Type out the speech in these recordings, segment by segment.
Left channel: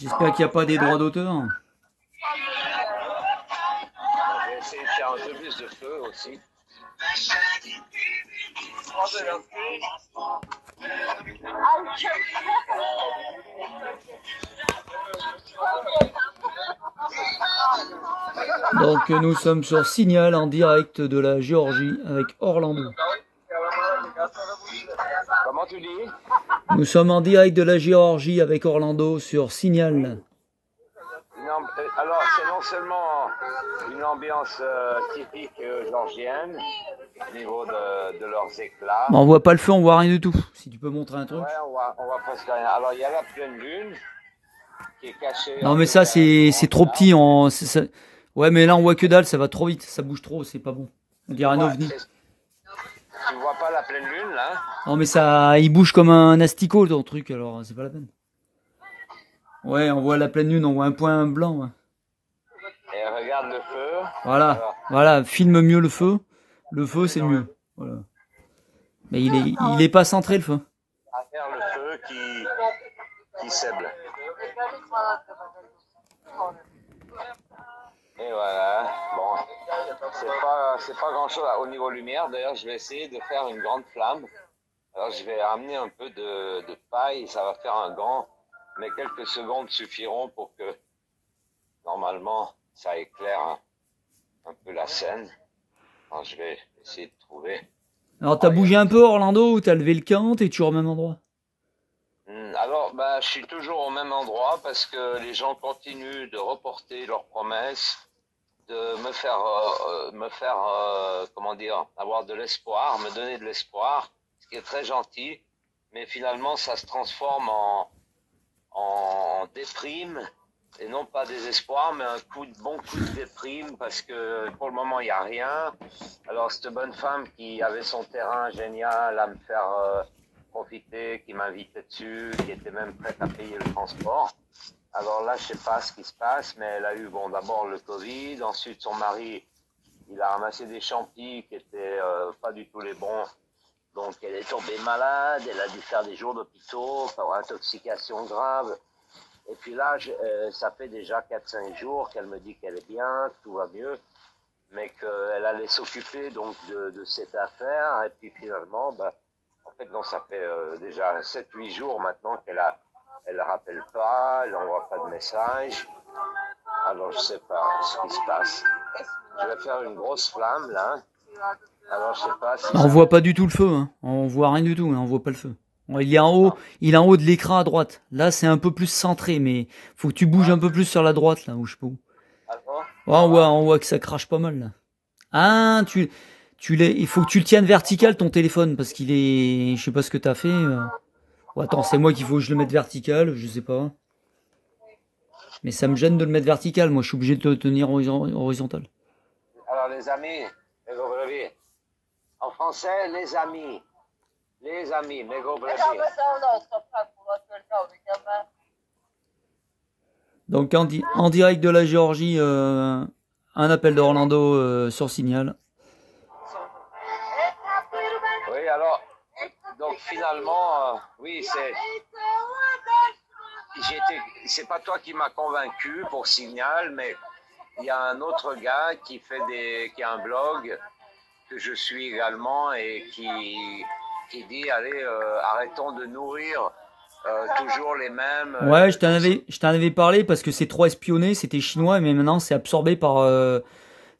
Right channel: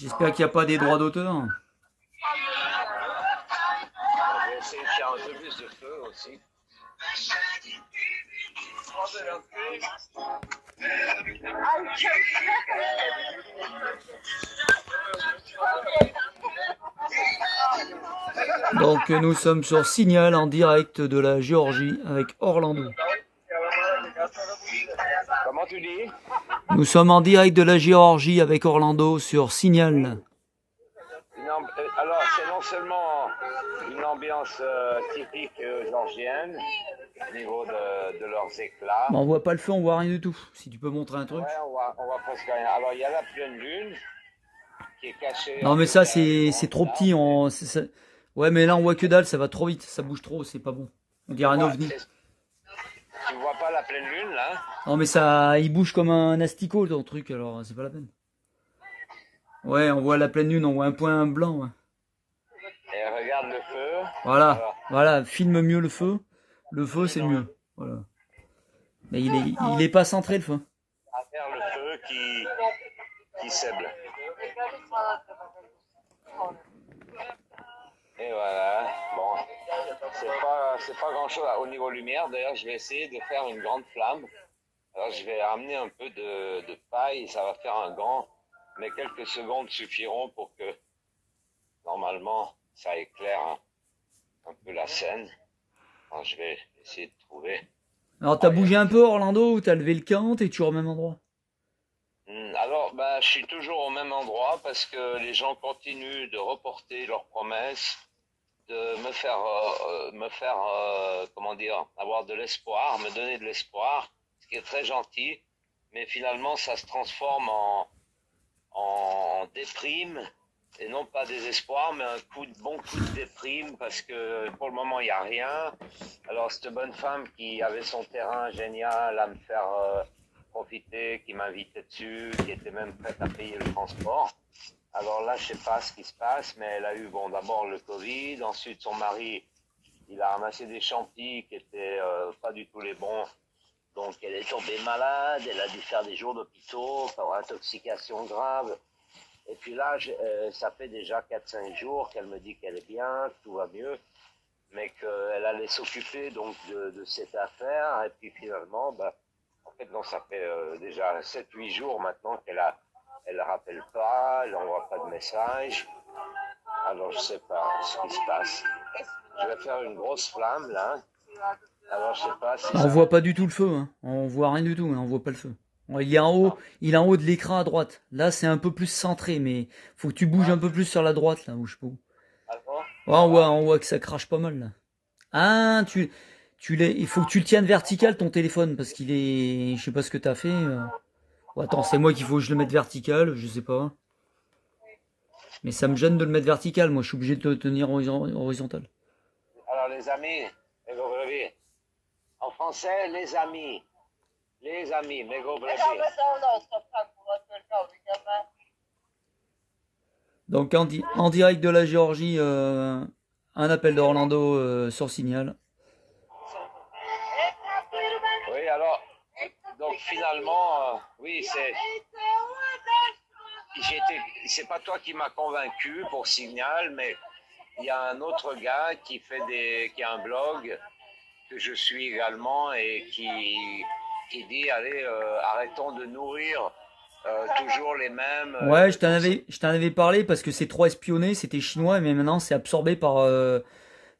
J'espère qu'il n'y a pas des droits d'auteur. Je vais essayer de faire un peu plus de feu aussi. Donc nous sommes sur Signal en direct de la Géorgie avec Orlando. Comment tu dis? Nous sommes en direct de la Géorgie avec Orlando sur Signal. Alors c'est non seulement une ambiance typique géorgienne au niveau de leurs éclats. Bon, on voit pas le feu, on voit rien du tout. Si tu peux montrer un truc. Ouais, on voit presque rien. Alors il y a la pleine lune qui est cachée. Non mais ça c'est trop petit. Ouais mais là on voit que dalle, ça va trop vite, ça bouge trop, c'est pas bon. On dirait un ovni. Tu vois pas la pleine lune là? Non mais ça, il bouge comme un asticot ton truc, alors c'est pas la peine. Ouais, on voit la pleine lune, on voit un point blanc. Ouais. Et regarde le feu. Voilà, alors, voilà, filme mieux le feu. Le feu c'est mieux. Voilà. Mais il est pas centré le feu. À faire le feu qui sèble. Et voilà. Bon, c'est pas grand chose au niveau lumière. D'ailleurs, je vais essayer de faire une grande flamme. Alors, je vais ramener un peu de paille. Ça va faire un grand, mais quelques secondes suffiront pour que normalement ça éclaire un peu la scène. Alors, je vais essayer de trouver. Alors t'as bougé un peu Orlando ou t'as levé le camp, t'es toujours au même endroit? Alors, je suis toujours au même endroit parce que les gens continuent de reporter leurs promesses, de me faire, comment dire, avoir de l'espoir, me donner de l'espoir, ce qui est très gentil, mais finalement ça se transforme en déprime, et non pas désespoir, mais un bon coup de déprime, parce que pour le moment il n'y a rien. Alors cette bonne femme qui avait son terrain génial à me faire profiter, qui m'invitait dessus, qui était même prête à payer le transport. Alors là, je sais pas ce qui se passe, mais elle a eu, bon, d'abord le Covid, ensuite son mari, il a ramassé des champis qui étaient pas du tout les bons. Donc elle est tombée malade, elle a dû faire des jours d'hôpitaux pour intoxication grave. Et puis là, ça fait déjà 4-5 jours qu'elle me dit qu'elle est bien, que tout va mieux, mais qu'elle allait s'occuper donc de cette affaire. Et puis finalement, en fait, non, ça fait déjà 7-8 jours maintenant elle rappelle pas, elle n'envoie pas de message. Alors, je sais pas ce qui se passe. Je vais faire une grosse flamme, là. Alors, je sais pas si on voit pas du tout le feu, hein. On voit rien du tout, hein. On voit pas le feu. Il est en haut, il est en haut de l'écran à droite. Là, c'est un peu plus centré, mais faut que tu bouges un peu plus sur la droite, là, où je sais pas où. Ouais, on voit que ça crache pas mal, là. Ah, il faut que tu le tiennes vertical, ton téléphone, parce qu'il est, je sais pas ce que t'as fait. Oh, attends, c'est moi qu'il faut que je le mette vertical, je sais pas. Mais ça me gêne de le mettre vertical, moi je suis obligé de le tenir horizontal. Alors les amis, en français, les amis, mes gros brevis. Donc en direct de la Géorgie, un appel d'Orlando sur Signal. Oui, alors, donc finalement, oui, c'est pas toi qui m'as convaincu pour Signal, mais il y a un autre gars qui a un blog que je suis également et qui dit, allez, arrêtons de nourrir toujours les mêmes. Ouais, je t'en avais parlé parce que c'est trop espionné, c'était chinois, mais maintenant c'est absorbé par.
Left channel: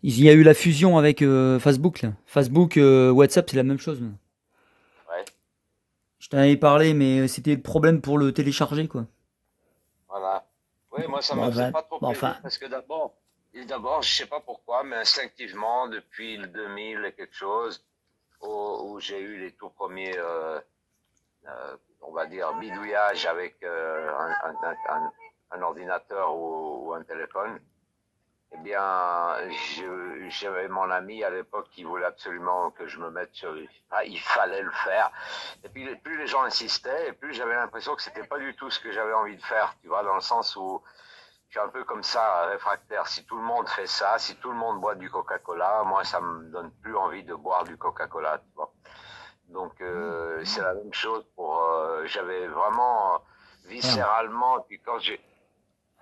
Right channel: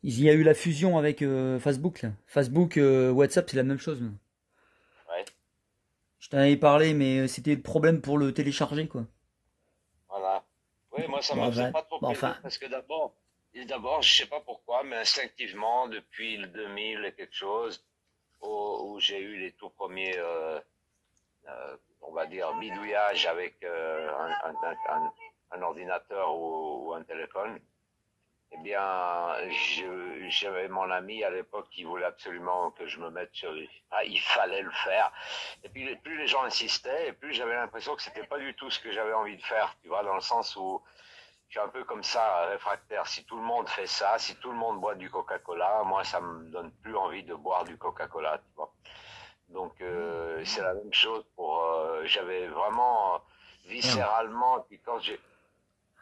Il y a eu la fusion avec Facebook, là. Facebook, WhatsApp, c'est la même chose. Ouais. Je t'en avais parlé, mais c'était le problème pour le télécharger, quoi. Voilà. Oui, moi ça me faisait pas trop plaisir parce que d'abord, je sais pas pourquoi, mais instinctivement, depuis le 2000 et quelque chose, où j'ai eu les tout premiers, on va dire, bidouillages avec un ordinateur ou un téléphone, eh bien, j'avais mon ami à l'époque qui voulait absolument que je me mette sur... il fallait le faire. Et puis, plus les gens insistaient, et plus j'avais l'impression que c'était pas du tout ce que j'avais envie de faire, tu vois, dans le sens où je suis un peu comme ça, réfractaire. Si tout le monde fait ça, si tout le monde boit du Coca-Cola, moi, ça me donne plus envie de boire du Coca-Cola, tu vois. Donc, c'est la même chose pour... j'avais vraiment, viscéralement, puis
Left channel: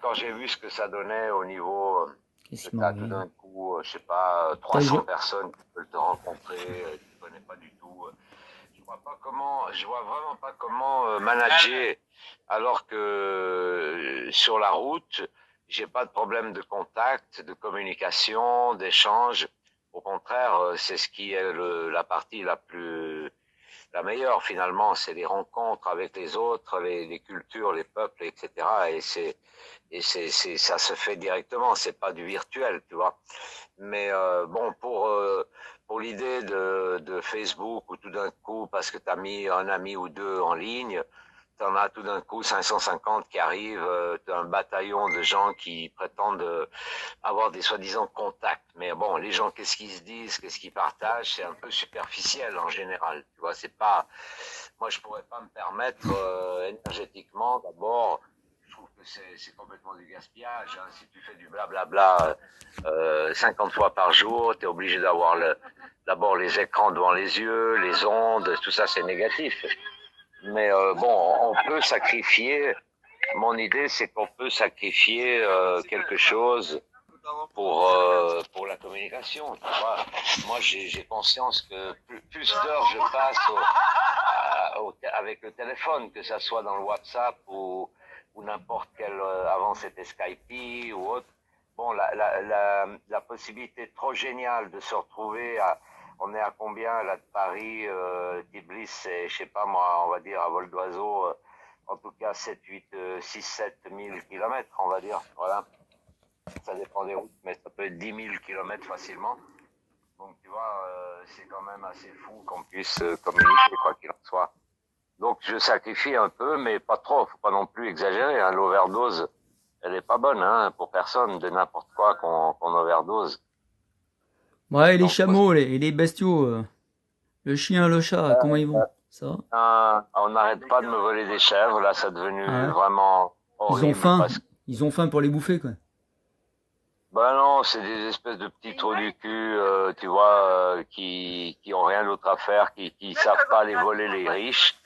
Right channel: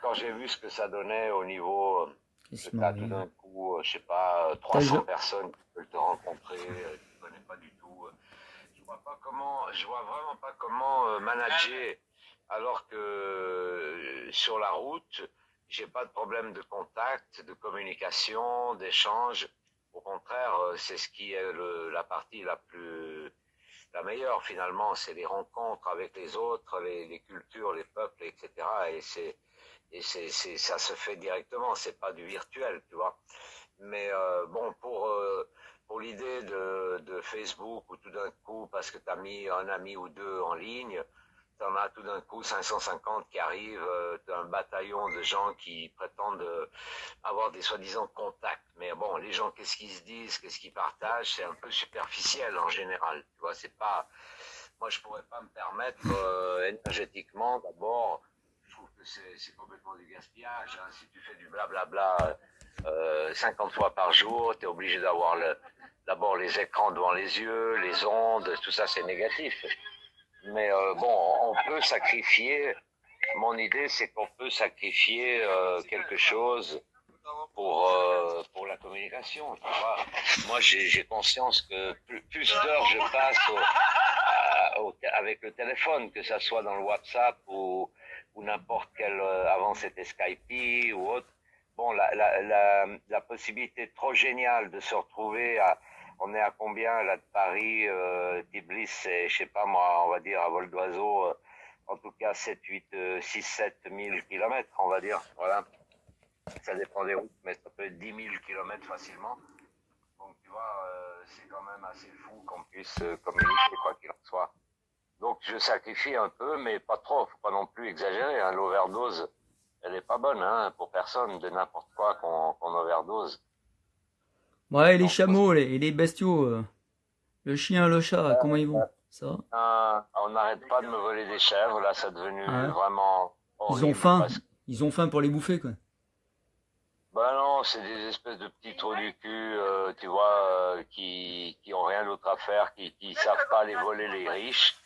quand j'ai vu ce que ça donnait au niveau, que t'as tout d'un coup, je sais pas, 300 personnes qui veulent te rencontrer, tu ne connais pas du tout. Je vois vraiment pas comment manager alors que sur la route, j'ai pas de problème de contact, de communication, d'échange. Au contraire, c'est ce qui est la partie la meilleure finalement, c'est les rencontres avec les autres, les cultures, les peuples, etc. Ça se fait directement, c'est pas du virtuel, tu vois. Mais bon, pour l'idée de Facebook, où tout d'un coup, parce que tu as mis un ami ou deux en ligne, tu en as tout d'un coup 550 qui arrivent, tu as un bataillon de gens qui prétendent avoir des soi-disant contacts. Mais bon, les gens, qu'est-ce qu'ils se disent, qu'est-ce qu'ils partagent, c'est un peu superficiel en général. Tu vois, c'est pas... Moi, je pourrais pas me permettre énergétiquement, d'abord, je trouve que c'est complètement du gaspillage. Hein. Si tu fais du blablabla 50 fois par jour, tu es obligé d'avoir d'abord les écrans devant les yeux, les ondes, tout ça c'est négatif. Mais bon, on peut sacrifier, mon idée c'est qu'on peut sacrifier quelque chose pour la communication. Tu vois. Moi j'ai conscience que plus d'heures je passe avec le téléphone, que ça soit dans le WhatsApp ou n'importe quel, avant c'était Skype ou autre. Bon, la possibilité trop géniale de se retrouver on est à combien là de Paris, Tbilisi, c'est, je sais pas moi, on va dire à vol d'oiseau, en tout cas 7, 8, 6, 7 000 kilomètres, on va dire, voilà. Ça dépend des routes, mais ça peut être 10 000 kilomètres facilement. Donc tu vois, c'est quand même assez fou qu'on puisse communiquer, quoi qu'il en soit. Donc je sacrifie un peu, mais pas trop, faut pas non plus exagérer, hein. L'overdose, elle est pas bonne, hein, pour personne, de n'importe quoi qu'on overdose. Ouais, et les chameaux, et les bestiaux, le chien, le chat, comment ils vont? Ça va? On n'arrête pas de me voler des chèvres, là, c'est devenu vraiment horrible. Ils ont faim pour les bouffer, quoi. Ben non, c'est des espèces de petits trous du cul, tu vois, qui ont rien d'autre à faire, qui savent pas les voler les riches,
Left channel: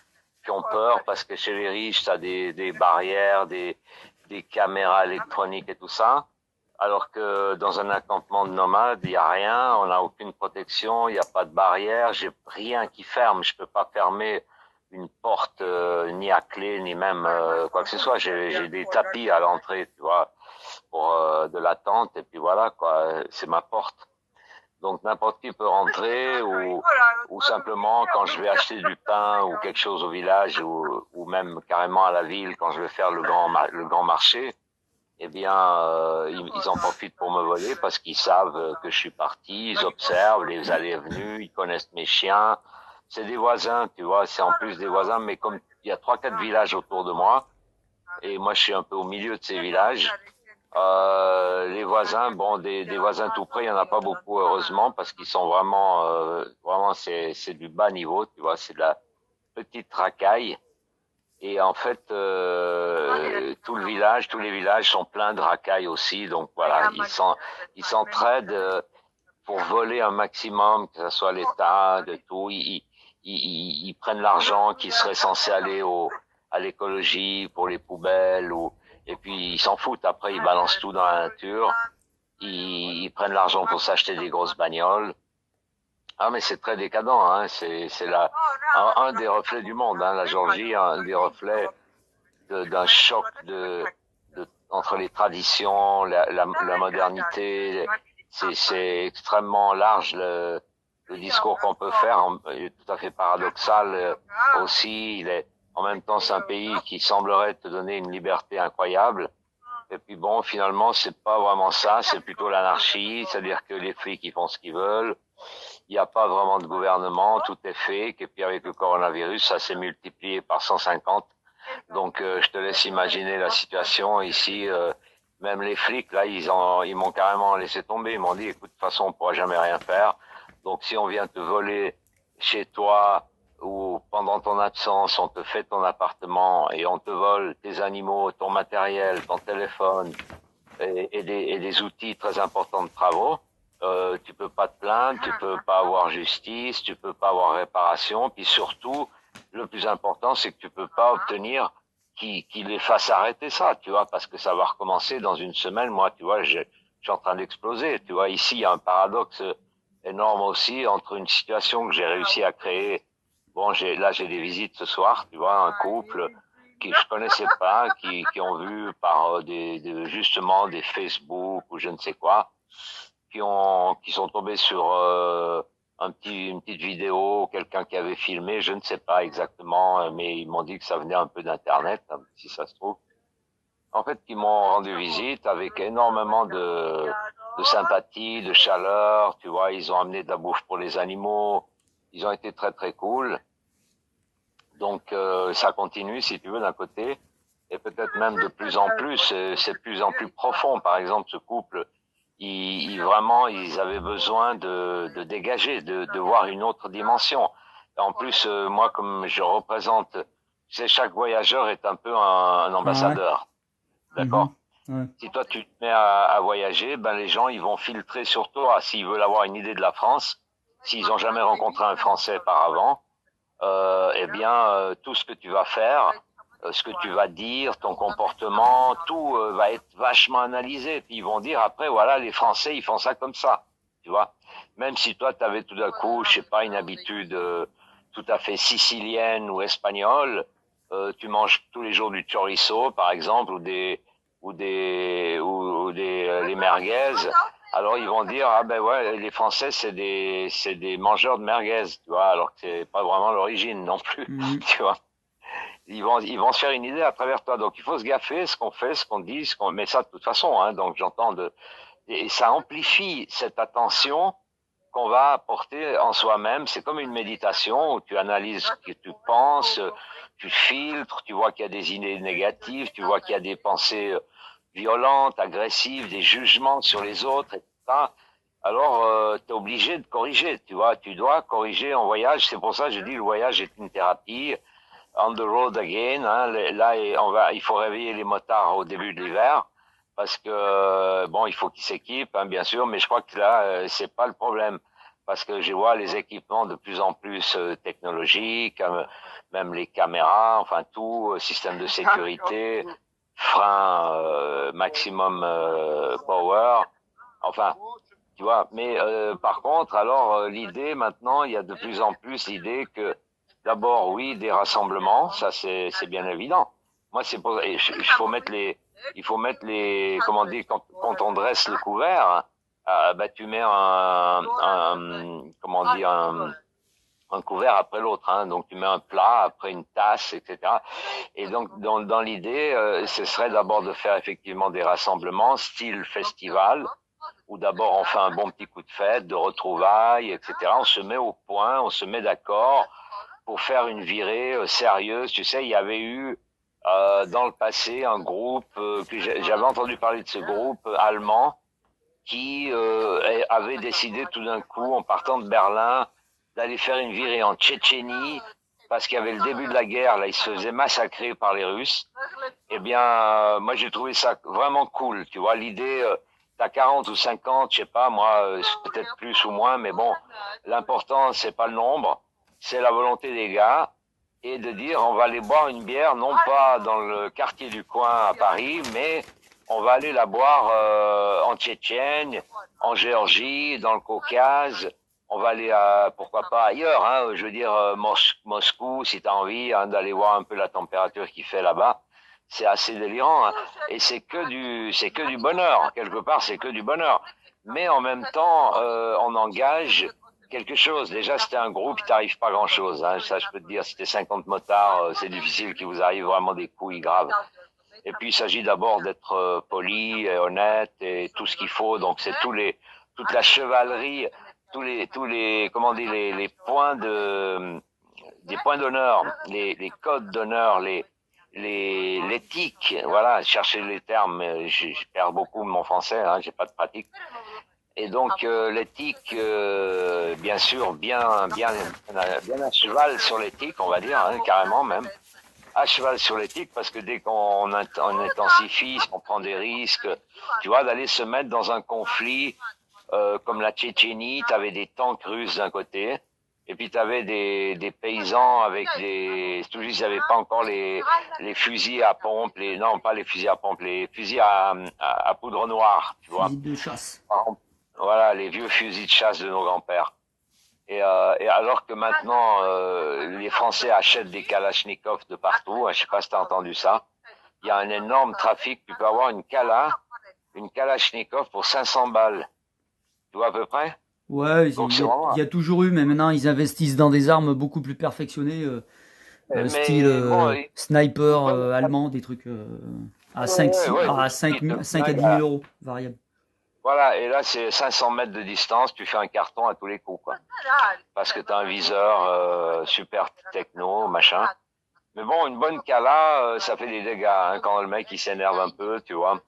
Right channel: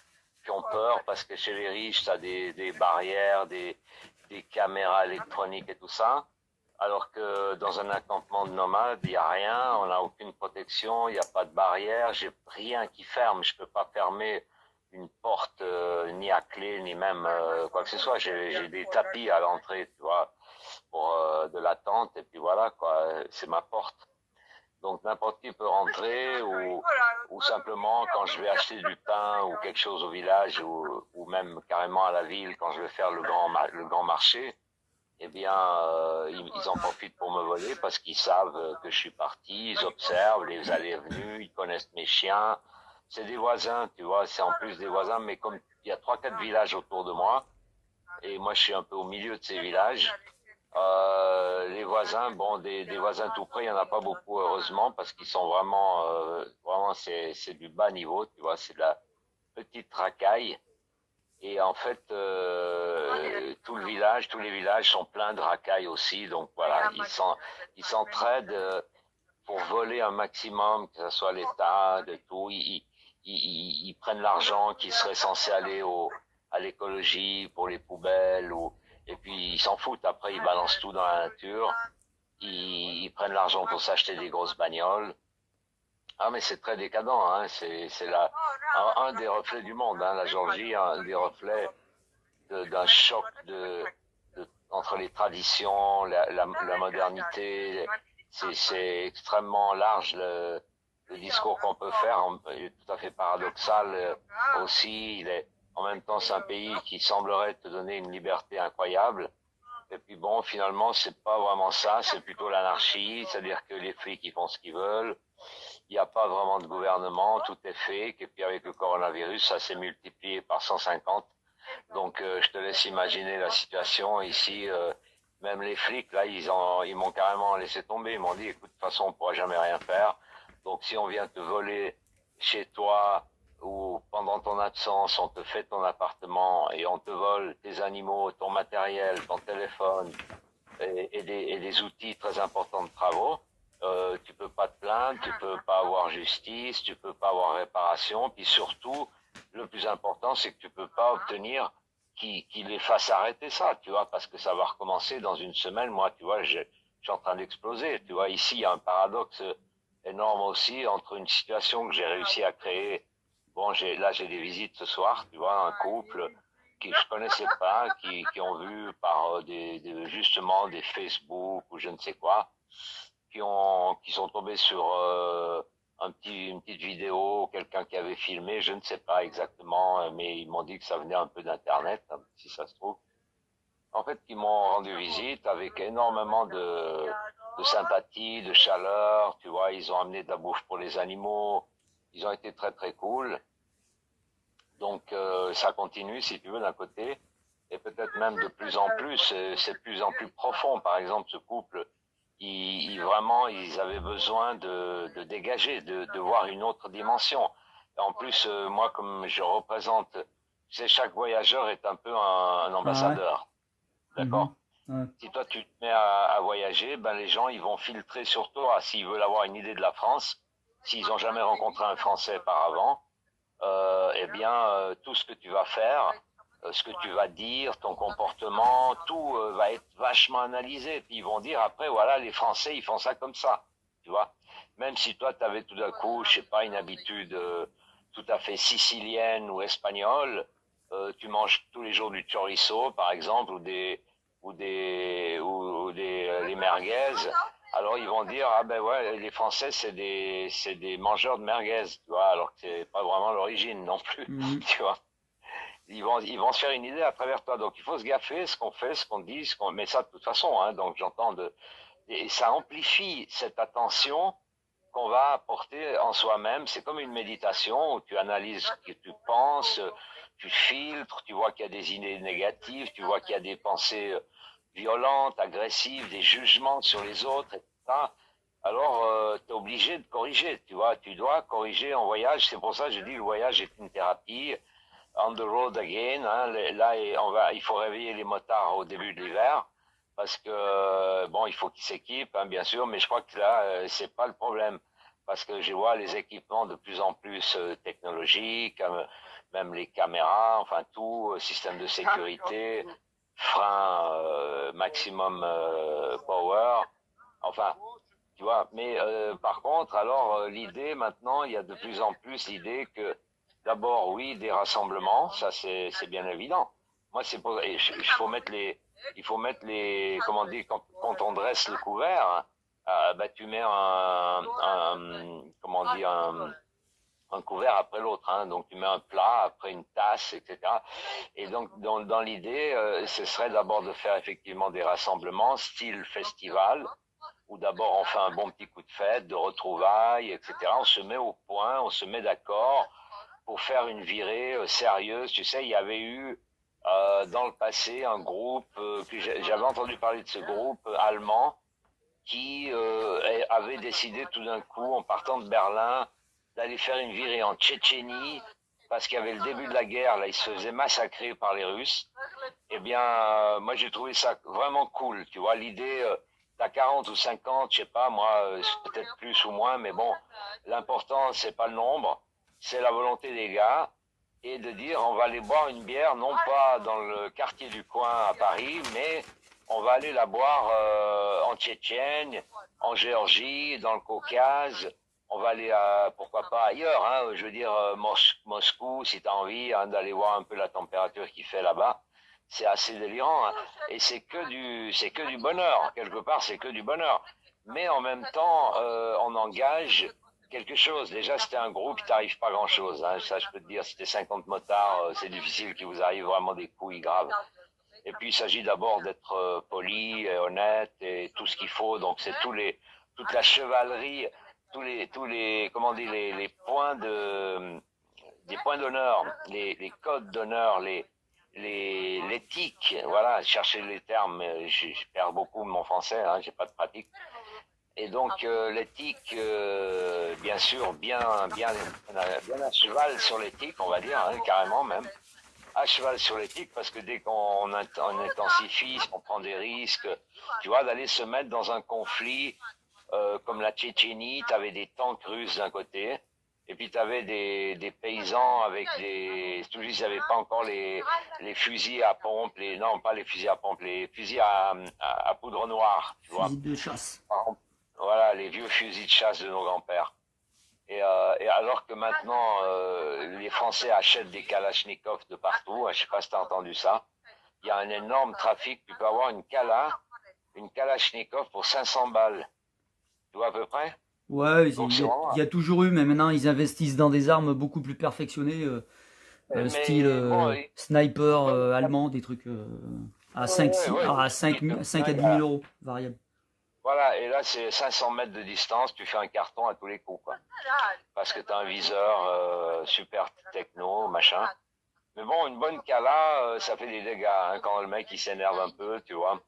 qui ont peur parce que chez les riches, t'as des barrières, des caméras électroniques et tout ça. Alors que dans un accampement de nomades, il n'y a rien, on n'a aucune protection, il n'y a pas de barrière, j'ai rien qui ferme, je peux pas fermer une porte ni à clé, ni même quoi que ce soit. J'ai des tapis à l'entrée, tu vois, pour de l'attente, et puis voilà, quoi, c'est ma porte. Donc n'importe qui peut rentrer, ou simplement quand je vais acheter du pain ou quelque chose au village, ou même carrément à la ville quand je vais faire le grand marché, eh bien, ils en profitent pour me voler parce qu'ils savent que je suis parti, ils observent les allées et venues, ils connaissent mes chiens. C'est des voisins, tu vois, c'est en plus des voisins, mais comme il y a 3-4 villages autour de moi, et moi je suis un peu au milieu de ces villages, les voisins, bon, des voisins tout près, il n'y en a pas beaucoup, heureusement, parce qu'ils sont vraiment, c'est du bas niveau, tu vois, c'est de la petite racaille. Et en fait, tous les villages sont pleins de racailles aussi. Donc voilà, ils s'entraident pour voler un maximum, que ce soit l'État, de tout. Ils prennent l'argent qui serait censé aller à l'écologie, pour les poubelles, et puis ils s'en foutent. Après, ils balancent tout dans la nature. Ils prennent l'argent pour s'acheter des grosses bagnoles. Ah, mais c'est très décadent, hein. C'est un des reflets du monde, hein. La Géorgie, un des reflets d'un choc entre les traditions, la modernité. C'est extrêmement large le discours qu'on peut faire, il est tout à fait paradoxal aussi. En même temps, c'est un pays qui semblerait te donner une liberté incroyable. Et puis bon, finalement, c'est pas vraiment ça, c'est plutôt l'anarchie, c'est-à-dire que les flics, ils font ce qu'ils veulent. Il n'y a pas vraiment de gouvernement, tout est fake, et puis avec le coronavirus, ça s'est multiplié par 150. Donc je te laisse imaginer la situation ici. Même les flics, là, ils m'ont carrément laissé tomber. Ils m'ont dit, écoute, de toute façon, on pourra jamais rien faire. Donc si on vient te voler chez toi, ou pendant ton absence, on te fait ton appartement et on te vole tes animaux, ton matériel, ton téléphone et des outils très importants de travaux, tu peux pas te plaindre, tu peux pas avoir justice, tu peux pas avoir réparation, puis surtout, le plus important, c'est que tu peux pas obtenir qui les fasse arrêter ça, tu vois, parce que ça va recommencer dans une semaine. Moi, tu vois, je suis en train d'exploser. Tu vois, ici, il y a un paradoxe énorme aussi entre une situation que j'ai réussi à créer. Bon, j'ai des visites ce soir, tu vois, un couple qui je connaissais pas, qui ont vu par justement des Facebook ou je ne sais quoi, qui sont tombés sur une petite vidéo, quelqu'un qui avait filmé, je ne sais pas exactement, mais ils m'ont dit que ça venait un peu d'internet, hein, si ça se trouve. En fait, ils m'ont rendu visite avec énormément de sympathie, de chaleur, tu vois, ils ont amené de la bouffe pour les animaux, ils ont été très très cool. Donc ça continue, si tu veux, d'un côté, et peut-être même de plus en plus, c'est de plus en plus profond. Par exemple, ce couple, vraiment, ils avaient besoin de dégager, de voir une autre dimension. En plus, moi, comme je représente, tu sais, chaque voyageur est un peu un ambassadeur, d'accord? Si toi tu te mets à voyager, ben les gens ils vont filtrer sur toi s'ils veulent avoir une idée de la France, s'ils n'ont jamais rencontré un Français par avant. Eh bien, tout ce que tu vas faire, ce que tu vas dire, ton comportement, tout va être vachement analysé. Puis ils vont dire après, voilà, les Français, ils font ça comme ça, tu vois. Même si toi, tu avais tout d'un coup, je sais pas, une habitude tout à fait sicilienne ou espagnole, tu manges tous les jours du chorizo, par exemple, ou des merguez. Alors ils vont dire ah ben ouais les Français c'est des mangeurs de merguez, tu vois, alors que c'est pas vraiment l'origine non plus, tu vois. Ils vont se faire une idée à travers toi, donc il faut se gaffer ce qu'on fait, ce qu'on dit, mais ça de toute façon, hein, donc et ça amplifie cette attention qu'on va apporter en soi-même. C'est comme une méditation où tu analyses ce que tu penses, tu filtres, tu vois qu'il y a des idées négatives, tu vois qu'il y a des pensées violentes, agressives, des jugements sur les autres, etc. Alors, tu es obligé de corriger, tu vois, tu dois corriger en voyage. C'est pour ça que je dis le voyage est une thérapie. On the road again, hein, là, il faut réveiller les motards au début de l'hiver. Parce que, bon, il faut qu'ils s'équipent, hein, bien sûr, mais je crois que là, c'est pas le problème. Parce que je vois les équipements de plus en plus technologiques, même les caméras, enfin tout, système de sécurité, frein maximum power, enfin, tu vois. Mais par contre, alors l'idée maintenant, il y a de plus en plus l'idée que d'abord, oui, des rassemblements, ça c'est bien évident. Moi, c'est pour, il faut mettre les, comment dire, quand on dresse le couvert, bah tu mets comment dire, un couvert après l'autre, hein. Donc tu mets un plat après une tasse, etc. Et donc dans l'idée, ce serait d'abord de faire effectivement des rassemblements style festival, où d'abord on fait un bon petit coup de fête, de retrouvailles, etc. On se met au point, on se met d'accord pour faire une virée sérieuse. Tu sais, il y avait eu dans le passé un groupe que j'avais entendu parler de ce groupe allemand qui avait décidé tout d'un coup, en partant de Berlin, d'aller faire une virée en Tchétchénie parce qu'il y avait le début de la guerre, là, ils se faisaient massacrer par les Russes. Eh bien, moi, j'ai trouvé ça vraiment cool, tu vois, l'idée, t'as 40 ou 50, je sais pas, moi, peut-être plus ou moins, mais bon, l'important, c'est pas le nombre, c'est la volonté des gars, et de dire, on va aller boire une bière, non pas dans le quartier du coin à Paris, mais on va aller la boire en Tchétchène, en Géorgie, dans le Caucase. On va aller pourquoi pas ailleurs, hein, je veux dire Moscou, si tu as envie hein, d'aller voir un peu la température qu'il fait là-bas. C'est assez délirant, hein. Et c'est que du bonheur. Quelque part, c'est que du bonheur. Mais en même temps, on engage quelque chose. Déjà, c'était un groupe qui t'arrive pas grand-chose. Hein. Ça, je peux te dire, c'était 50 motards. C'est difficile qu'il vous arrive vraiment des couilles graves. Et puis, il s'agit d'abord d'être poli et honnête et tout ce qu'il faut. Donc, c'est toute la chevalerie, tous les, comment dire, les points des points d'honneur, les codes d'honneur, l'éthique. Voilà, chercher les termes. Je perds beaucoup mon français, hein, j'ai pas de pratique. Et donc, l'éthique, bien sûr, bien à cheval sur l'éthique, on va dire, hein, carrément même. À cheval sur l'éthique parce que dès qu'on intensifie, on prend des risques, tu vois, d'aller se mettre dans un conflit comme la Tchétchénie, tu avais des tanks russes d'un côté Et puis tu avais des paysans avec des... Toujours, ils n'avaient pas encore les fusils à pompe, non, pas les fusils à pompe, les fusils à poudre noire, tu vois. Fusil de chasse. Voilà, les vieux fusils de chasse de nos grands-pères. Et alors que maintenant, les Français achètent des Kalachnikov de partout, je sais pas si tu as entendu ça, il y a un énorme trafic, tu peux avoir une Kalachnikov pour 500 balles. Tu vois à peu près? Ouais, il y a toujours eu, mais maintenant ils investissent dans des armes beaucoup plus perfectionnées, style sniper allemand, des trucs à 5 à 10 000 euros, variable. Voilà, et là c'est 500 mètres de distance, tu fais un carton à tous les coups, quoi. Parce que tu as un viseur super techno, machin. Mais bon, une bonne cala, ça fait des dégâts, hein, quand le mec il s'énerve un peu, tu vois.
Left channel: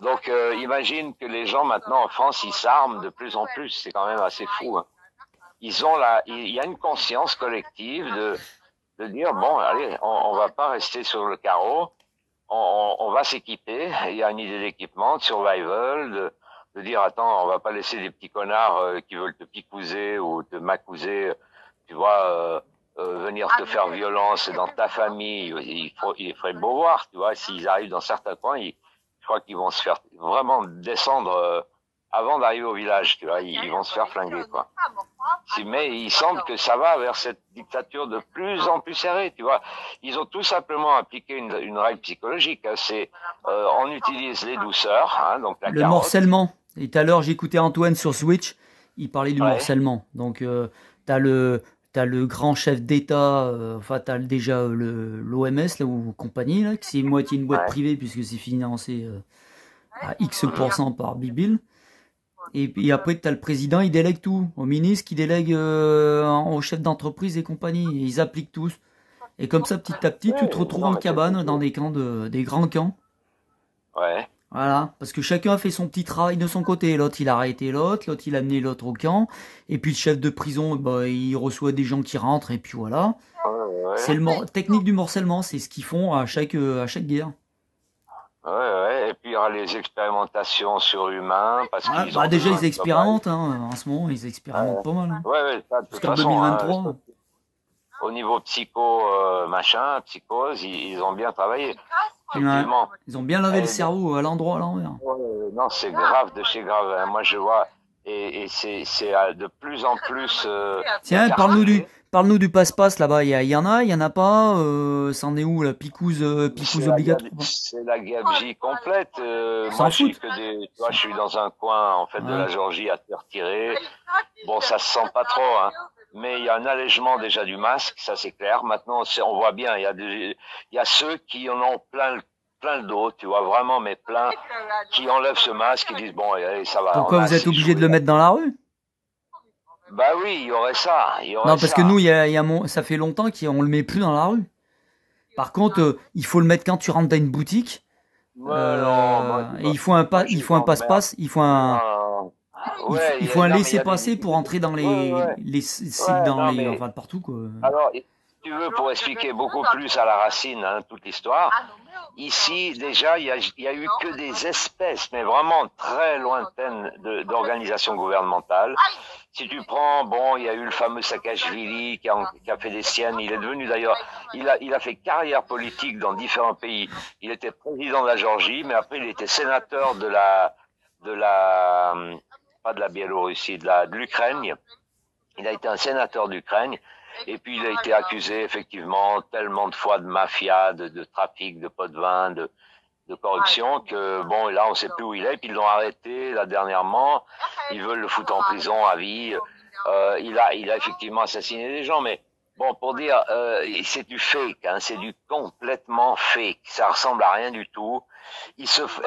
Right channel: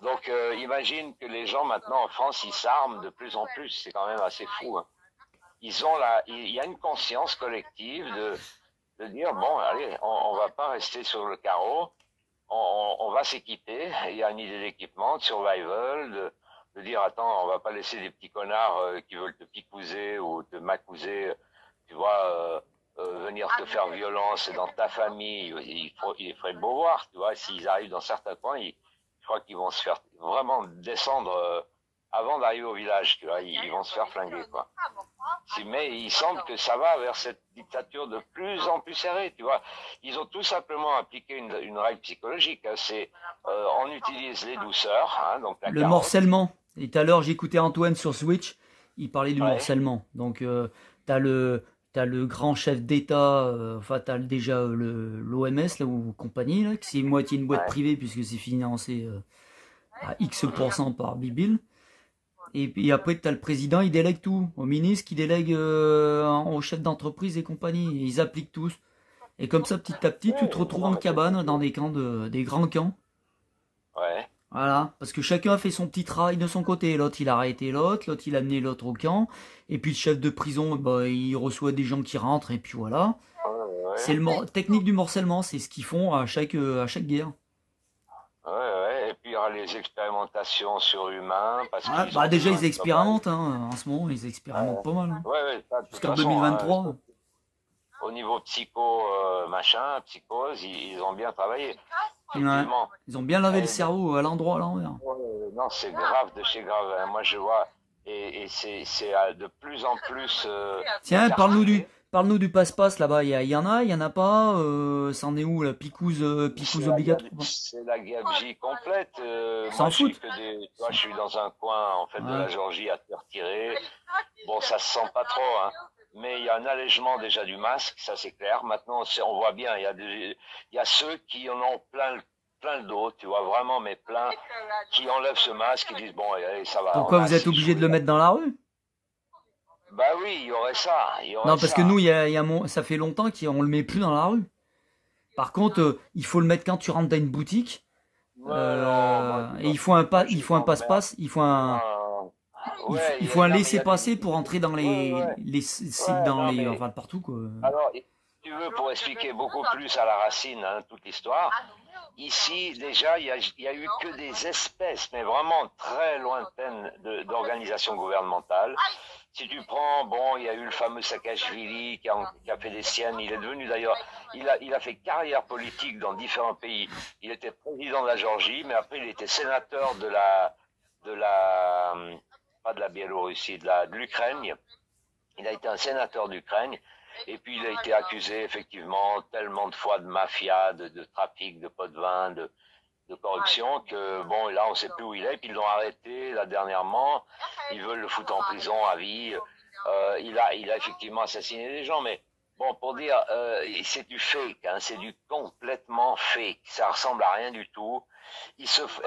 Donc imagine que les gens maintenant en France, ils s'arment de plus en plus, c'est quand même assez fou. Hein. Il y a une conscience collective de dire, bon, allez, on va pas rester sur le carreau, on va s'équiper, il y a une idée d'équipement, de survival, de dire, attends, on va pas laisser des petits connards qui veulent te picouser ou te macouser, tu vois, venir te faire violence dans ta famille, il ferait beau voir, tu vois, s'ils arrivent dans certains coins, je crois qu'ils vont se faire vraiment descendre avant d'arriver au village, tu vois, ils vont se faire flinguer, quoi. Mais il semble que ça va vers cette dictature de plus en plus serrée, tu vois. Ils ont tout simplement appliqué une règle psychologique, hein, c'est on utilise les douceurs, hein, donc le morcellement. Et tout à l'heure, j'écoutais Antoine sur Switch, il parlait du morcellement. Donc, t'as le grand chef d'État, enfin, t'as déjà l'OMS, là, ou compagnie, là, qui c'est moitié une boîte privée, puisque c'est financé à X% par Bill. Et puis après, tu as le président, il délègue tout. Au ministre, qui délègue aux chefs d'entreprise et compagnie. Et ils appliquent tous. Et comme ça, petit à petit, tu te retrouves en cabane dans des camps, des grands camps. Ouais. Voilà. Parce que chacun a fait son petit travail de son côté. L'autre, il a arrêté l'autre il a amené l'autre au camp. Et puis le chef de prison, bah, il reçoit des gens qui rentrent. Et puis voilà. C'est le technique du morcellement. C'est ce qu'ils font à chaque guerre. Ouais, et puis il y aura les expérimentations sur humains. Déjà, ils expérimentent, hein, en ce moment, ils expérimentent pas mal. Hein. Jusqu'en 2023. Au niveau psychose, ils ont bien travaillé. Effectivement. Ils ont bien lavé le cerveau à l'endroit, à l'envers. Non, c'est grave de chez grave. Hein. Moi, je vois, et c'est de plus en plus... Tiens, parle-nous du passe-passe là-bas. Il y en a pas. C'en est où la picouse obligatoire? C'est la gabegie complète. Moi, je suis dans un coin en fait de la Géorgie à terre tirée. Bon, ça se sent pas trop, hein. Mais il y a un allègement déjà du masque, ça c'est clair. Maintenant, on voit bien. Il y a ceux qui en ont plein le dos, tu vois vraiment, mais plein, qui enlèvent ce masque et disent bon, allez, ça va. Pourquoi vous êtes obligé de le mettre dans la rue? Bah oui, il y aurait ça. Non, parce que nous, ça fait longtemps qu'on le met plus dans la rue. Par contre, il faut le mettre quand tu rentres dans une boutique. Et il faut un passe-passe, il faut un laisser-passer pour entrer dans les sites, enfin partout, quoi. Alors, si tu veux, pour expliquer beaucoup plus à la racine, hein, toute l'histoire, ici, déjà, il y a eu que des espèces, mais vraiment très lointaines d'organisations gouvernementales. Si tu prends, bon, il y a eu le fameux Saakashvili qui a fait des siennes. Il est devenu d'ailleurs, il a fait carrière politique dans différents pays. Il était président de la Géorgie, mais après il était sénateur pas de la Biélorussie, de l'Ukraine. Il a été un sénateur d'Ukraine. Et puis il a été accusé effectivement tellement de fois de mafia, de trafic, de pots de vin, de corruption, que bon, là on sait plus où il est, puis ils l'ont arrêté là dernièrement, ils veulent le foutre en prison à vie, il a effectivement assassiné des gens, mais bon, pour dire, c'est du fake, hein, c'est du complètement fake, ça ressemble à rien du tout.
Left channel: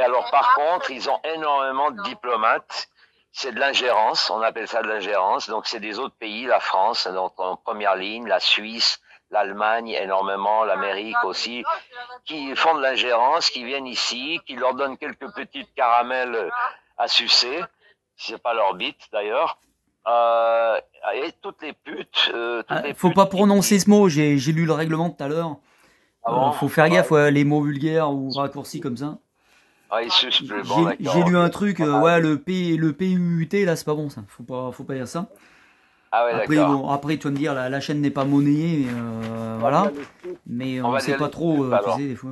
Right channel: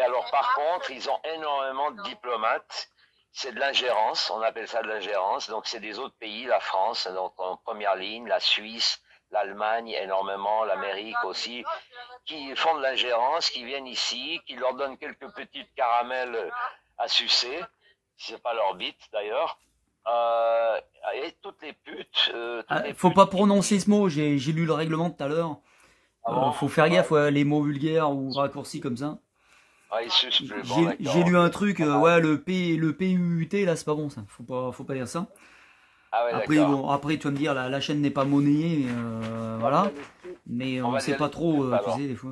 Alors par contre, ils ont énormément de diplomates, c'est de l'ingérence, on appelle ça de l'ingérence, donc c'est des autres pays, la France donc en première ligne, la Suisse, l'Allemagne énormément, l'Amérique aussi, qui font de l'ingérence, qui viennent ici, qui leur donnent quelques petites caramels à sucer, c'est pas leur bite d'ailleurs, et toutes les putes... faut pas prononcer ce mot, j'ai lu le règlement tout à l'heure, faut faire gaffe, les mots vulgaires ou raccourcis comme ça. J'ai lu un truc, le PUT là, c'est pas bon ça, faut pas dire ça. Ah ouais, Après, d'accord. bon, après, tu vas me dire, la chaîne n'est pas monnayée, voilà. Mais on sait pas trop, tu sais, des fois.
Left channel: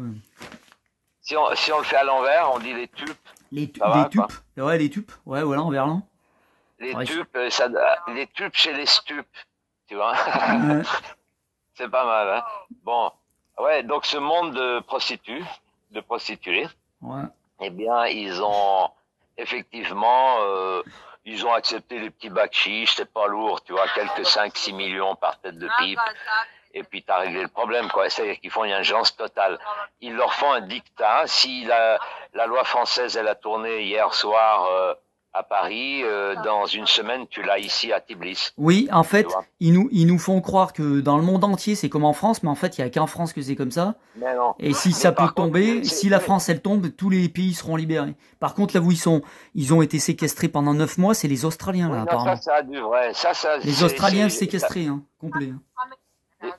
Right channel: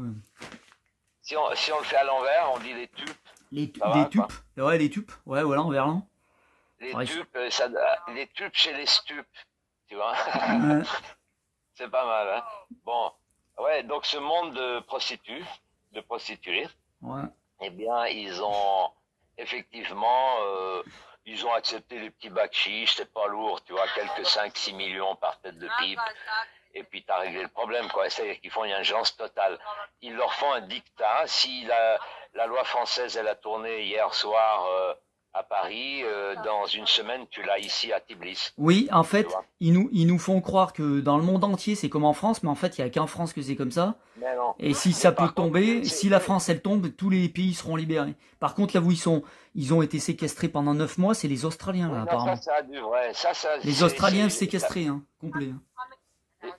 Si on le fait à l'envers, on dit les tupes. Ça Les va, quoi. tupes, ouais, les tupes, ouais, voilà, en verlan. Les Ouais, tupes, les tupes chez les stupes, tu vois. ouais, C'est pas mal, hein. Bon, ouais, donc ce monde de prostituées, ouais. eh bien, effectivement, ils ont accepté les petits bacs chiches, c'est pas lourd, tu vois, quelques 5-6 millions par tête de pipe. Et puis t'as réglé le problème, quoi. C'est-à-dire qu'ils font une ingérence totale. Ils leur font un dictat. Si la loi française, elle a tourné hier soir à Paris, dans une semaine, tu l'as ici à Tbilisi. Oui, en fait, ils nous font croire que dans le monde entier, c'est comme en France, mais en fait, il n'y a qu'en France que c'est comme ça. Mais non. Et si ça peut tomber, si la France, elle tombe, tous les pays seront libérés. Par contre, là où ils ont été séquestrés pendant 9 mois, c'est les Australiens, là, non, apparemment. Ça a dû, ouais. Les Australiens séquestrés, hein, complet. Hein.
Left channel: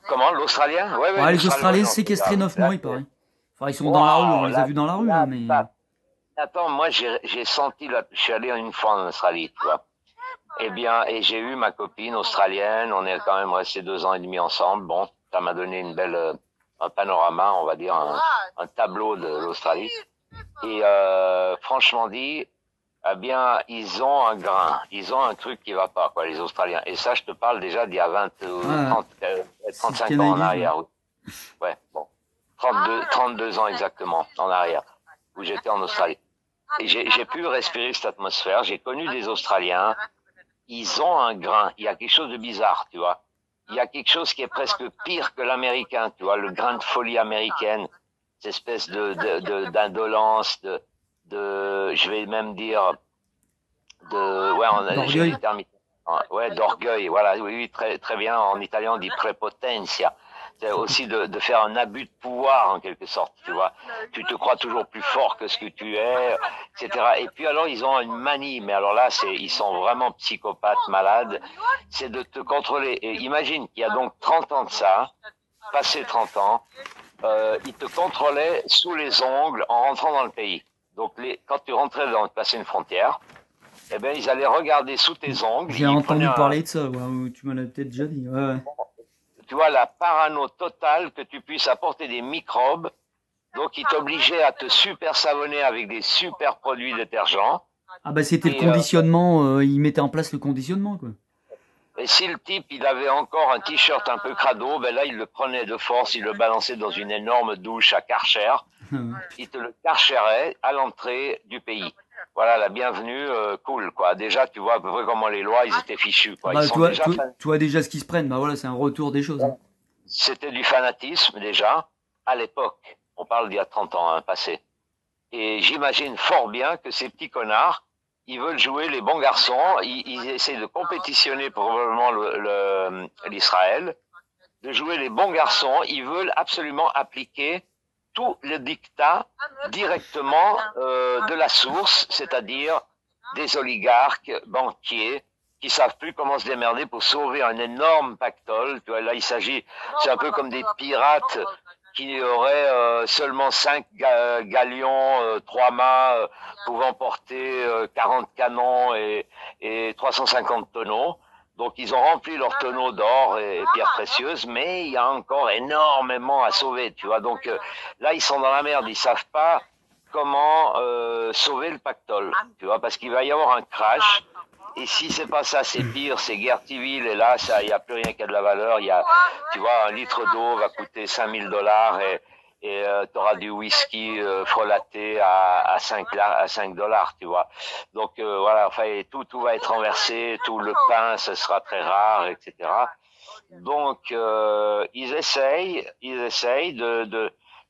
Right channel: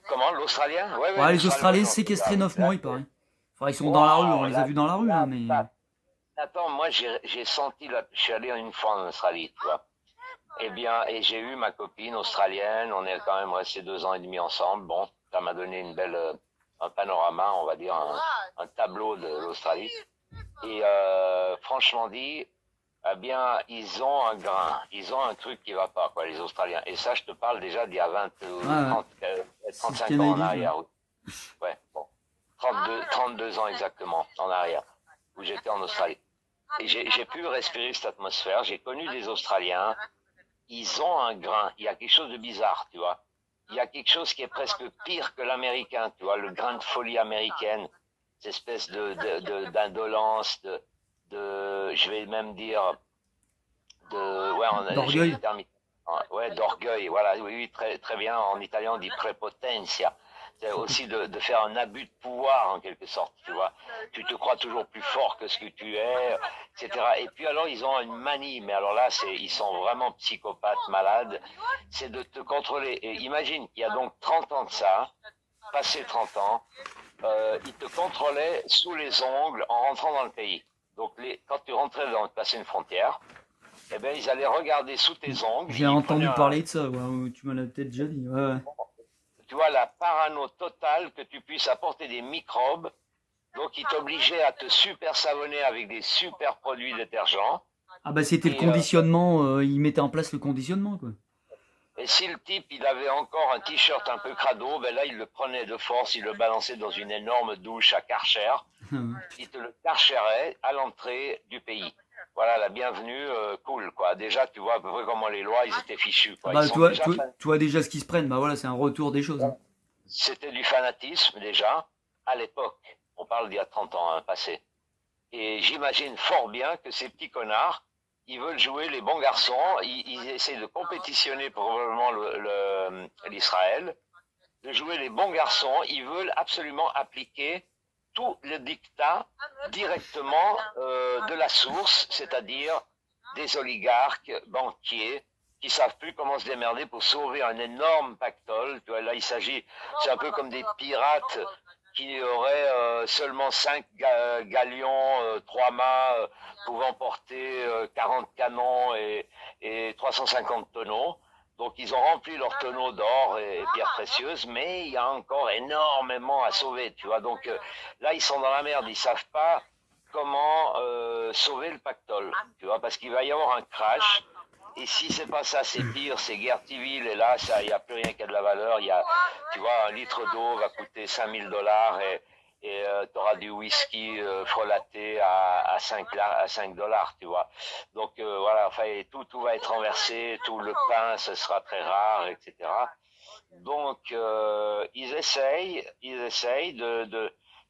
Comment, l'Australien? Ouais, les Australiens séquestrés 9 mois, il paraît. Enfin, ils sont dans la rue, on les a vus dans la rue, hein, mais... Attends, moi, j'ai senti, je suis allé une fois en Australie, tu vois. Eh bien, et j'ai eu ma copine australienne, on est quand même restés 2 ans et demi ensemble. Bon, ça m'a donné une belle, un panorama, on va dire, un tableau de l'Australie. Et franchement dit, eh bien, ils ont un grain, ils ont un truc qui va pas, quoi, les Australiens. Et ça, je te parle déjà d'il y a 35 ans en arrière. Ouais, bon, 32 ans exactement en arrière, où j'étais en Australie. Et j'ai pu respirer cette atmosphère. J'ai connu des Australiens. Ils ont un grain. Il y a quelque chose de bizarre, tu vois. Il y a quelque chose qui est presque pire que l'américain, tu vois, le grain de folie américaine, cette espèce d'indolence, je vais même dire, d'orgueil. Ouais, d'orgueil, voilà, oui, très, très bien. En italien, on dit prepotenza. C'est aussi de faire un abus de pouvoir, en quelque sorte, tu vois. Tu te crois toujours plus fort que ce que tu es, etc. Et puis alors, ils ont une manie, mais alors là, ils sont vraiment psychopathes, malades. C'est de te contrôler. Et imagine qu'il y a donc 30 ans de ça, passé 30 ans, ils te contrôlaient sous les ongles en rentrant dans le pays. Donc, quand tu rentrais passer une frontière, eh ben, ils allaient regarder sous tes ongles. J'ai entendu parler de ça, ouais, tu m'en as peut-être déjà dit. Ouais. Tu vois, la parano totale que tu puisses apporter des microbes. Donc, ils t'obligeaient à te super savonner avec des super produits détergents. Ah bah c'était le conditionnement, ils mettaient en place le conditionnement, quoi. Et si le type, il avait encore un t-shirt un peu crado, ben là, il le prenait de force, il le balançait dans une énorme douche à Karcher. Il te le karcherait à l'entrée du pays. Voilà, la bienvenue, cool, quoi. Déjà, tu vois à peu près comment les lois, ils étaient fichus, quoi. Bah, tu vois déjà ce qui se prennent, bah voilà, c'est un retour des choses. Hein. C'était du fanatisme, déjà, à l'époque. On parle d'il y a 30 ans, hein, passé. Et j'imagine fort bien que ces petits connards, ils veulent jouer les bons garçons, ils essaient de compétitionner probablement l'Israël, de jouer les bons garçons, ils veulent absolument appliquer tout le dictat directement de la source, c'est-à-dire des oligarques, banquiers, qui savent plus comment se démerder pour sauver un énorme pactole. Tu vois, là, c'est un peu comme des pirates qui auraient seulement 5 galions, 3 mâts, pouvant porter 40 canons et 350 tonneaux. Donc, ils ont rempli leurs tonneaux d'or et pierres précieuses, mais il y a encore énormément à sauver, tu vois. Donc, là, ils sont dans la merde. Ils savent pas comment sauver le pactole, tu vois, parce qu'il va y avoir un crash. Et si c'est pas ça, c'est pire, c'est guerre civile. Et là, il n'y a plus rien qui a de la valeur. Tu vois, un litre d'eau va coûter $5000 et tu auras du whisky frelaté à 5 $, tu vois. Donc voilà, enfin, tout va être renversé, tout le pain, ce sera très rare, etc. Donc ils essayent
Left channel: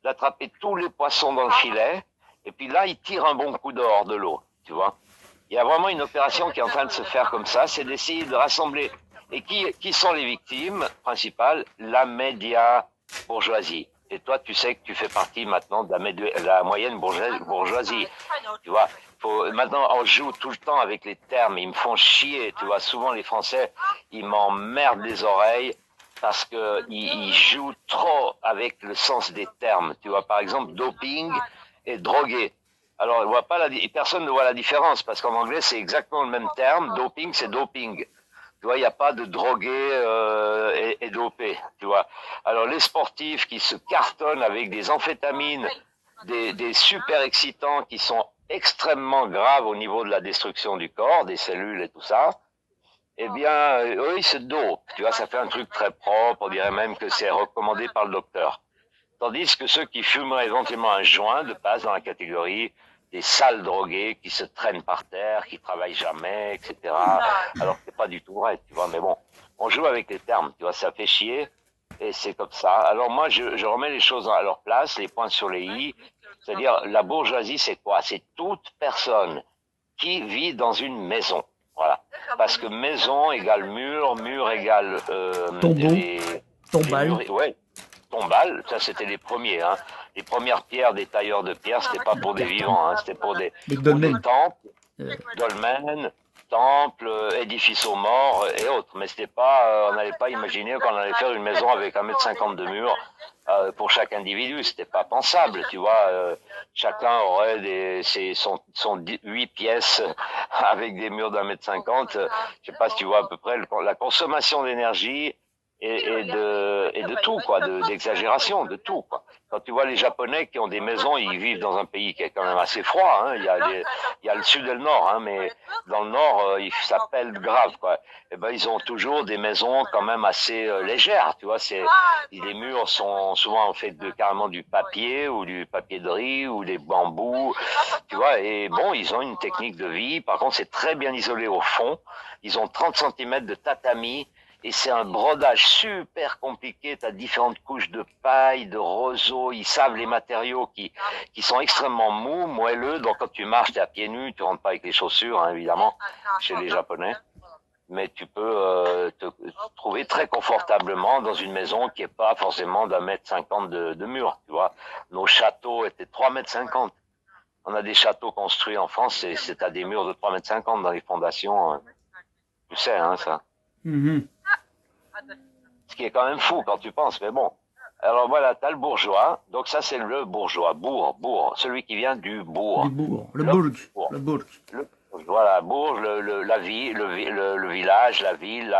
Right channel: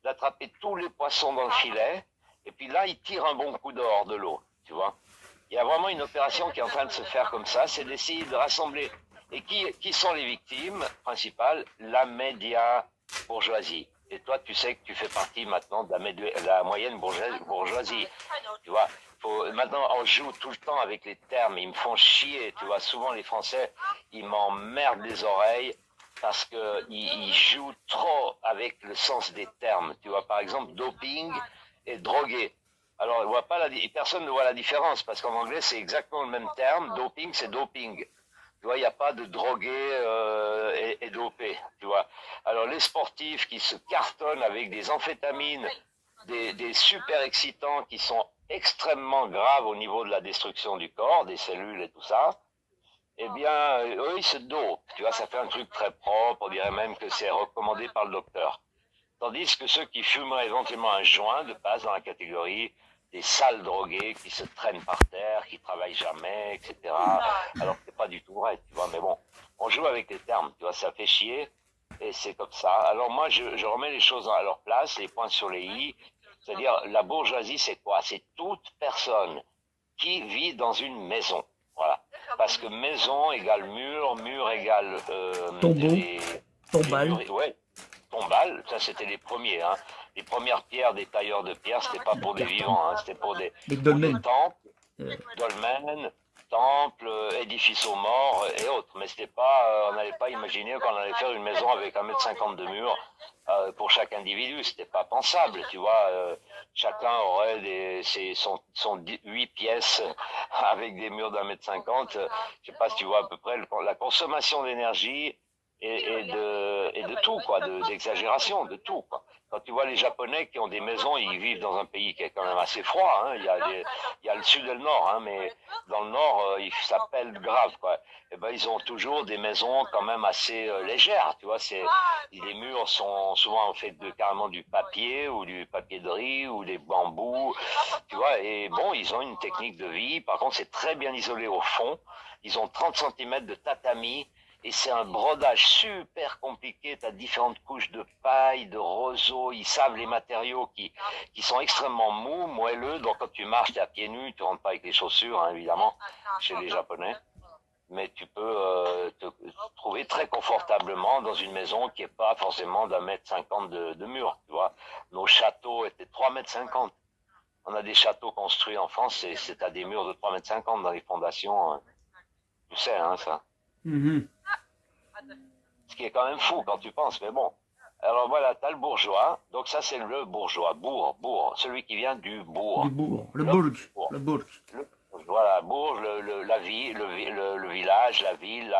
d'attraper tous les poissons dans le filet. Et puis là, ils tirent un bon coup dehors de l'eau, tu vois. Il y a vraiment une opération qui est en train de se faire comme ça, c'est d'essayer de rassembler. Et qui sont les victimes principales? La média bourgeoisie. Et toi, tu sais que tu fais partie maintenant de la moyenne bourgeoisie. Tu vois, maintenant, on joue tout le temps avec les termes. Ils me font chier. Tu vois, souvent les Français, ils m'emmerdent les oreilles parce que ils jouent trop avec le sens des termes. Tu vois, par exemple, doping et drogué. Alors, personne ne voit la différence parce qu'en anglais, c'est exactement le même terme. Doping, c'est doping. Tu vois, il n'y a pas de drogués et dopés, tu vois. Alors, les sportifs qui se cartonnent avec des amphétamines, des super excitants qui sont extrêmement graves au niveau de la destruction du corps, des cellules et tout ça, eh bien, eux, ils se dopent. Tu vois, ça fait un truc très propre, on dirait même que c'est recommandé par le docteur. Tandis que ceux qui fumeraient éventuellement un joint de passent dans la catégorie des sales drogués qui se traînent par terre, qui travaillent jamais, etc. Alors que c'est pas du tout vrai, tu vois. Mais bon, on joue avec les termes, tu vois, ça fait chier et c'est comme ça. Alors moi, je remets les choses à leur place, les points sur les i. C'est-à-dire, la bourgeoisie, c'est quoi? C'est toute personne qui vit dans une maison. Voilà. Parce que maison égale mur, mur égale tombeau, tombal. Ouais, tombal, ça c'était les premiers. Hein. Les premières pierres des tailleurs de pierre, c'était pas pour des vivants, hein, c'était pour des temples, dolmens, temples, édifices aux morts et autres. Mais c'était pas, on n'allait pas imaginer qu'on allait faire une maison avec 1,50 m de mur pour chaque individu. C'était pas pensable, tu vois. Chacun aurait son 8 pièces avec des murs d'1,50 m. Je sais pas si tu vois à peu près la consommation d'énergie et de tout, quoi, d'exagération, de tout, quoi. Quand tu vois les Japonais qui ont des maisons, ils vivent dans un pays qui est quand même assez froid, hein. Il y a le sud et le nord, hein, mais dans le nord, ça pèle grave, quoi. Et ben, ils ont toujours des maisons quand même assez légères, tu vois. Les murs sont souvent faits de carrément du papier ou du papier de riz ou des bambous, tu vois. Et bon, ils ont une technique de vie. Par contre, c'est très bien isolé au fond. Ils ont 30 cm de tatami. Et c'est un brodage super compliqué, tu as différentes couches de paille, de roseau, ils savent les matériaux qui sont extrêmement mous, moelleux, donc quand tu marches, tu es à pieds nus, tu rentres pas avec les chaussures, hein, évidemment, chez les Japonais, mais tu peux te trouver très confortablement dans une maison qui est pas forcément d'1,50 m de mur, tu vois. Nos châteaux étaient 3,50 m. On a des châteaux construits en France, c'est à des murs de 3,50 m dans les fondations, hein. Tu sais, hein, ça. Mm-hmm. Ce qui est quand même fou quand tu penses, mais bon. Alors voilà, t'as le bourgeois, donc ça c'est le bourgeois, bourg, celui qui vient du bourg. Du bourg, le bourg. Voilà, bourg, la ville, le village, la ville,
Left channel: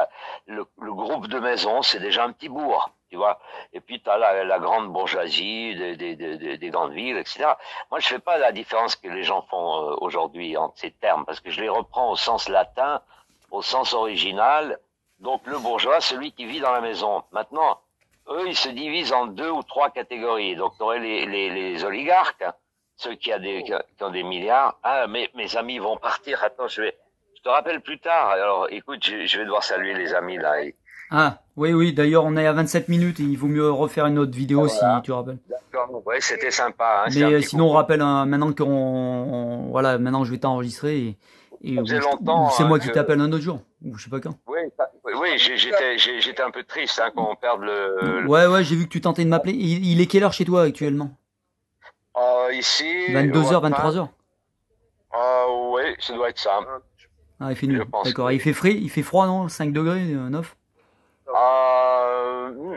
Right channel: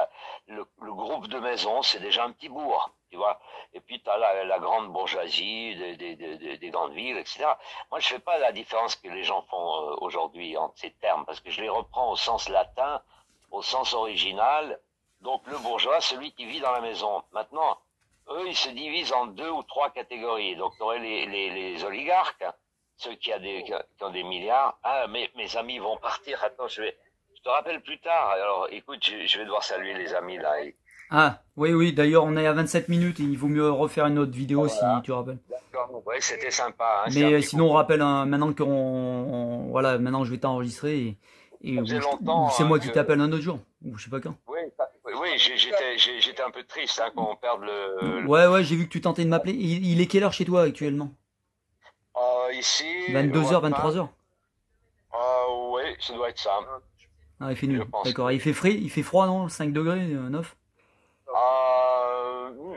le groupe de maisons, c'est déjà un petit bourg, tu vois. Et puis t'as la grande bourgeoisie des grandes villes, etc. Moi je fais pas la différence que les gens font aujourd'hui entre ces termes, parce que je les reprends au sens latin, au sens original. Donc le bourgeois, celui qui vit dans la maison. Maintenant, eux, ils se divisent en 2 ou 3 catégories. Donc tu aurais les oligarques, ceux qui ont des milliards. Ah, mais mes amis vont partir. Attends, je te rappelle plus tard. Alors écoute, je vais devoir saluer les amis là. Ah, oui, d'ailleurs on est à 27 minutes et il vaut mieux refaire une autre vidéo voilà. Si tu rappelles. D'accord, ouais, c'était sympa. Hein, mais sinon on rappelle, maintenant voilà, maintenant je vais t'enregistrer et c'est moi qui t'appelle un autre jour, ou je sais pas quand. Oui, j'étais un peu triste hein, qu'on perde le... Ouais, j'ai vu que tu tentais de m'appeler. Il est quelle heure chez toi actuellement? Ici... 22h, 23h. Oui, ça doit être ça. Ah, il fait nul. D'accord. Il fait froid, non? 5 degrés, 9?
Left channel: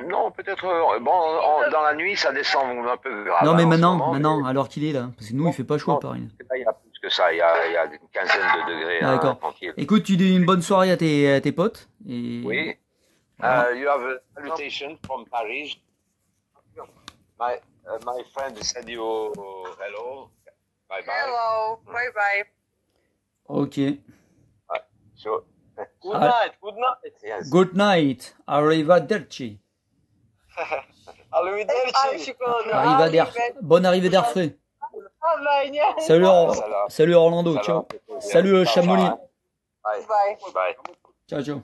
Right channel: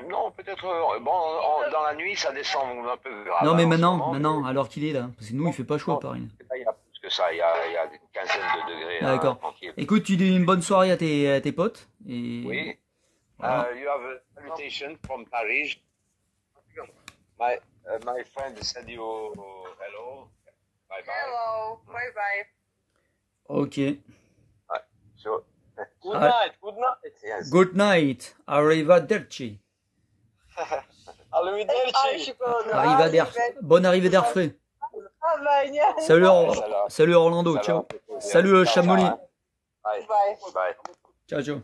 Non, peut-être... Bon, dans la nuit, ça descend un peu. Non, mais maintenant, alors qu'il est là. Parce que nous, il fait pas chaud, pareil. Il y a plus que ça, il y a une quinzaine de degrés. D'accord. Écoute, tu dis une bonne soirée à tes potes. Et... Oui. Voilà. You have a salutation from Paris. My friend said you hello. Bye bye. Hello. Bye bye. Ok. So, good night. Good night. Yes. Good night. Arrivederci. Arrivederci. Bonne arrivée d'air frais. Salut Orlando. Ciao. Salut Chamonix. Bye. Ciao.